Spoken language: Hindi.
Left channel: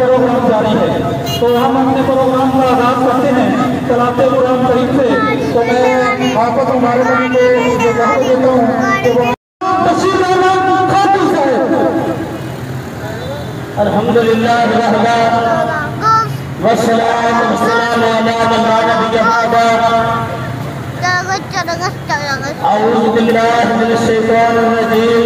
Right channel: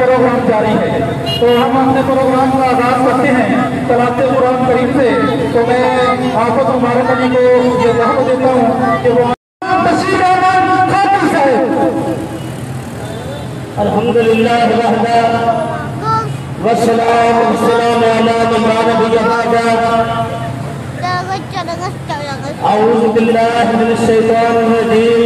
प्रोग्राम जारी है। तो हम अपने प्रोग्राम का आगाज करते हैं चलाते कुरान शरीफ से। तो मैं आपको मुबारक होने को ये जवाब देता हूँ कि वो अल्हम्दुलिल्लाह वस्सलाम वस्सलाम अला नबीना आऊज़ु बिल्लाहि मिनश शैतानिर रजीम